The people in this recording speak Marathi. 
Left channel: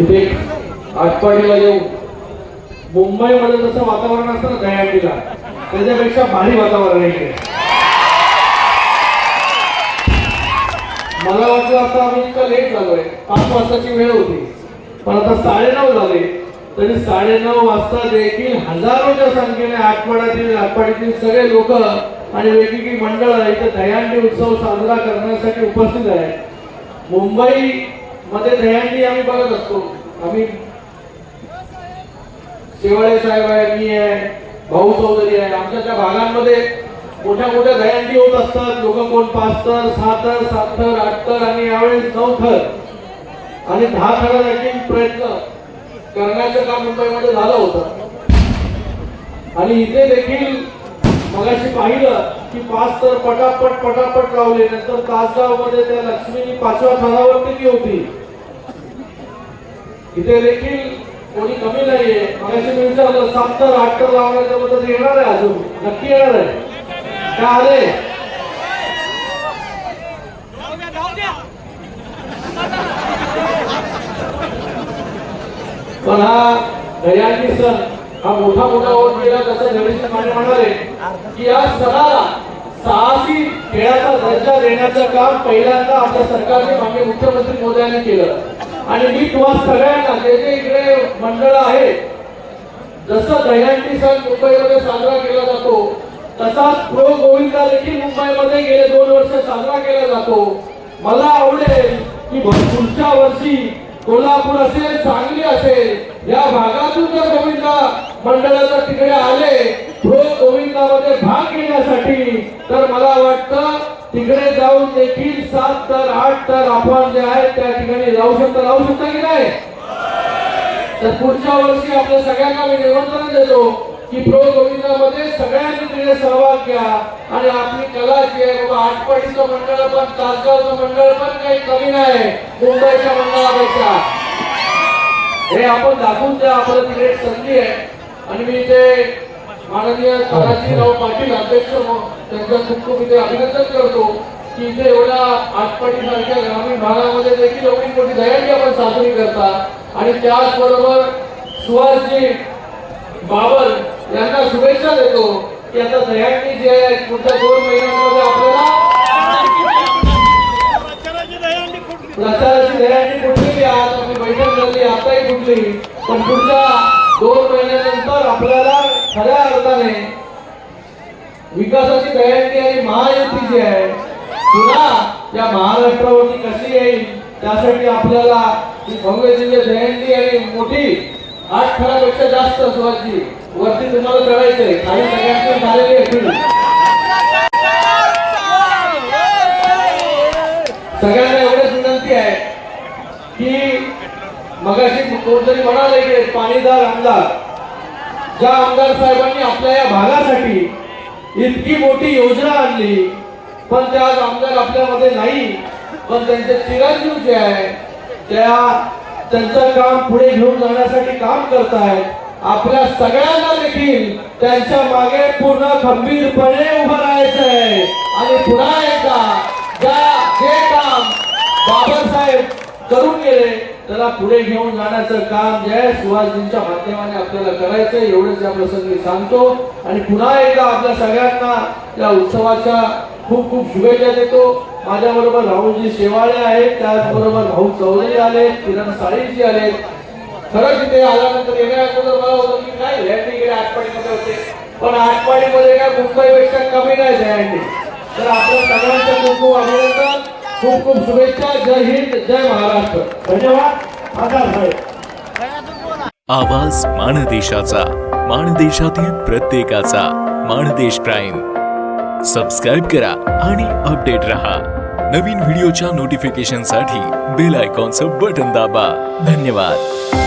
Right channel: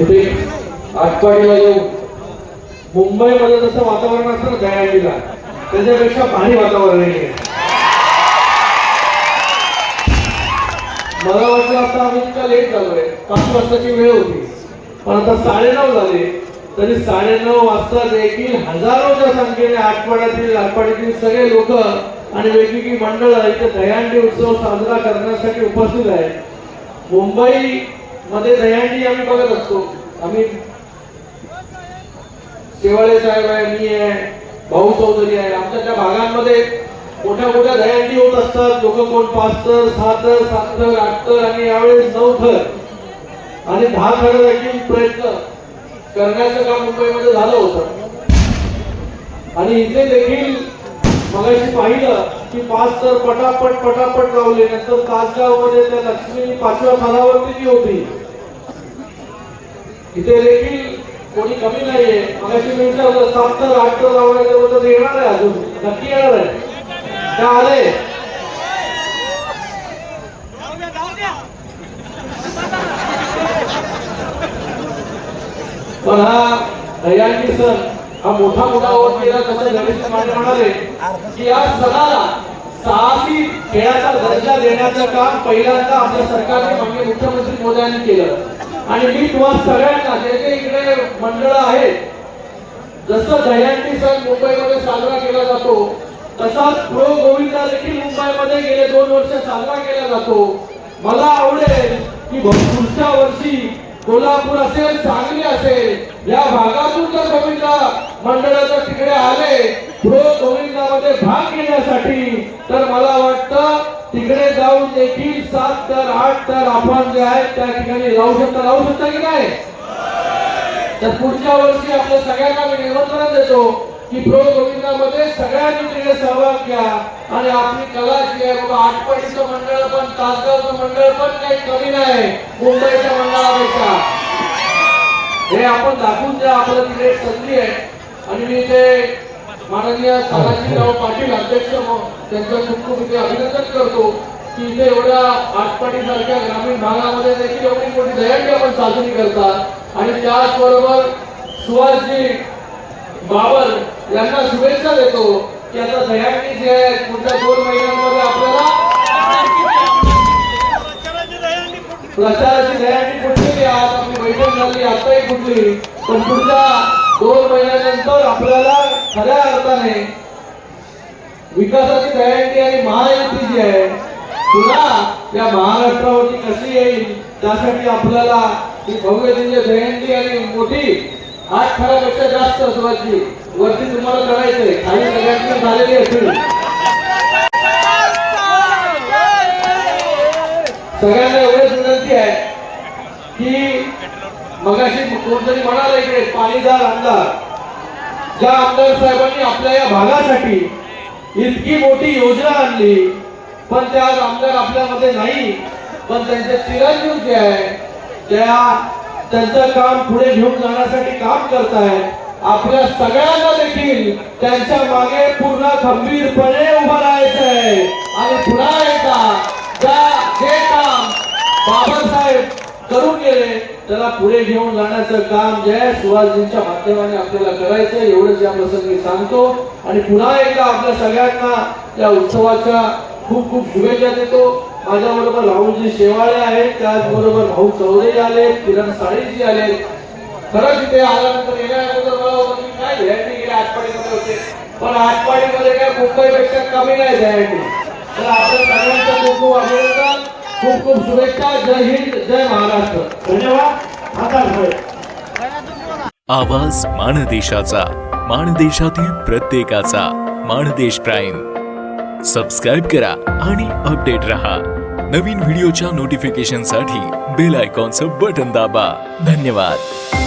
इथे आटपाडीला येऊ मुंबईमध्ये जसं वातावरण असतं ना दहीहंडीला त्याच्यापेक्षा भारी वातावरण आहे मला वाटलं आता आम्ही इतका लेट झालोय. पाच वाजताची वेळ होती. पण आता साडेनऊ झाले. तरी साडेनऊ वाजता देखील हजारोच्या संख्येने आठवड्यातील आठवड्यातील सगळे लोक आणि वेगवेगळी मंडळ इथे दहीहंडी उत्सव साजरा करण्यासाठी उपस्थित आहेत. मुंबई मध्ये दहीहंडी आम्ही बघत असतो. आम्ही शिवाळे साहेब आहे मी आहे भाऊ चौधरी आहे. आमच्या त्या भागांमध्ये मोठ्या मोठ्या दहीहंडी होत असतात. लोक कोण पाच तर सहा तर सात तर आठ तर आणि यावेळेस नऊ थर आणि दहा थर देखील प्रयत्न करण्याचं काम मुंबईमध्ये झालं होतं. आणि इथे देखील मगाशी पाहिलं की पाच तर पटापट पटापट लावले. नंतर तासगावमध्ये त्या लक्ष्मीनी पाचव्या थरावरती ती होती. इथे देखील कोणी कमी नाहीये. मगाशी मी विचारलं सात तर आठ तर लावण्याच्या बद्दल येणार आहे अजून. नक्की येणार आहे. काय आलंय पण हा दयानी सण हा मोठा मोठा होत गेला तसं गणेश माने म्हणाले की या सणाला साहसी खेळाचा दर्जा देण्याचं काम पहिल्यांदा आपल्या सरकारने माननीय मुख्यमंत्री मोदयांनी केलं. आणि मी तुम्हा सगळ्यांना जे जे इकडे मंडळ आहे जसं दह्यांनी सण मुंबईमध्ये साजरा केला जातो तसाच प्रो गोविंदा देखील मुंबईमध्ये गेले दोन वर्ष साजरा केला जातो. मला आवडेल की पुढच्या वर्षी कोल्हापूर असेल सांगली असेल या भागातून जर गोविंदा मंडळाच्या तिकडे आले प्रो गोविंदामध्ये भाग घेण्यासाठी. तर मला वाटतं तिकडे जाऊन देखील सात तर आठ तर आपण जे आहेत त्या ठिकाणी राहू शकता राहू शकता की नाही? तर पुढच्या वर्षी आपल्या सगळ्यांना मी निमंत्रण देतो की प्रो गोविंदामध्ये सगळ्यांनी तिकडे सहभाग घ्या. आणि आपली कला जी आहे बाबा आठपडीचं मंडळ पण तासगावचं मंडळ पण काही कमी नाही मुंबईच्या मंडळापेक्षा. हे आपण दाखवून द्या आपलं तिकडे संधी आहे. आणि मी इथे माननीय तानाजीराव पाटील अध्यक्ष त्यांचं खूप खूप इथे अभिनंदन करतो की इथे एवढ्या आटपाडी सारख्या ग्रामीण भागामध्ये देखील एवढी मोठी दहीहंडी आपण साजरी करतात. आणि त्याचबरोबर सुहासजी बाबर यांना शुभेच्छा देतो की आता दहीहंडी जे पुढच्या दोन महिन्यांमध्ये आपल्याला प्रचाराची दहीहंडी कुठली आज आपली बैठक झाली आताही कुठली पण पुढच्या दोन महिन्यानंतर आपल्याला खऱ्या अर्थाने विकासाची दहीहंडी आणि महायुती जी आहे तुला त्या महाराष्ट्रावरती कशी येईल त्यासाठी आपल्याला ही जयंती आणि मोठी आठ फळापेक्षा जास्त सुवाची वरती तुम्हाला करायचंय. काही सगळ्यांना झालेली असतील सगळ्यांना एवढंच विनंती आहे की मगाशी कोणतरी म्हणाला की पाणीदार आमदार. ज्या आमदार साहेबांनी आपल्या या भागासाठी इतकी मोठी योजना आणली पण त्या आमदार आपल्यामध्ये नाही पण त्यांचे चिरंजीव जे आहे. त्या त्यांचं काम पुढे घेऊन जाण्यासाठी काम करतायत आपल्या सगळ्यांना देखील त्यांच्या मागे पूर्ण खंबीरपणे उभं राहायचं आहे. आणि पुन्हा एकदा ज्या हे काम बाबासाहेब करून गेले त्याला पुढे घेऊन जाण्याचं काम जे आहे सुभाषजींच्या माध्यमाने आपल्याला करायचं एवढंच या प्रसंगी सांगतो. आणि पुन्हा एकदा आपल्या सगळ्यांना त्या उत्सवाच्या खूप खूप शुभेच्छा देतो. माझ्या बरोबर राहुलजी शेवाळे आहेत त्याचबरोबर भाऊ चौधरी आले किरण साळीजी आले. खरंच इथे आल्यानंतर येण्या अगोदर मला होतं की काय दहीहंडी गेले आठवड्यामध्ये होते. पण आठवड्यामध्ये काय मुंबईपेक्षा कमी नाही दहीहंडी तर आपल्या सगळ्यांचं खूप खूप अभिनंदन. खूप खूप शुभेच्छा. जय हिंद जय महाराष्ट्र. धन्यवाद. आवाज माणदेशाचा माणदेशातील प्रत्येकाचा माणदेश प्राईम. सबस्क्राईब करा आणि अपडेट रहा. नवीन व्हिडिओच्या नोटिफिकेशनसाठी बेल आयकॉनचं बटन दाबा. धन्यवाद.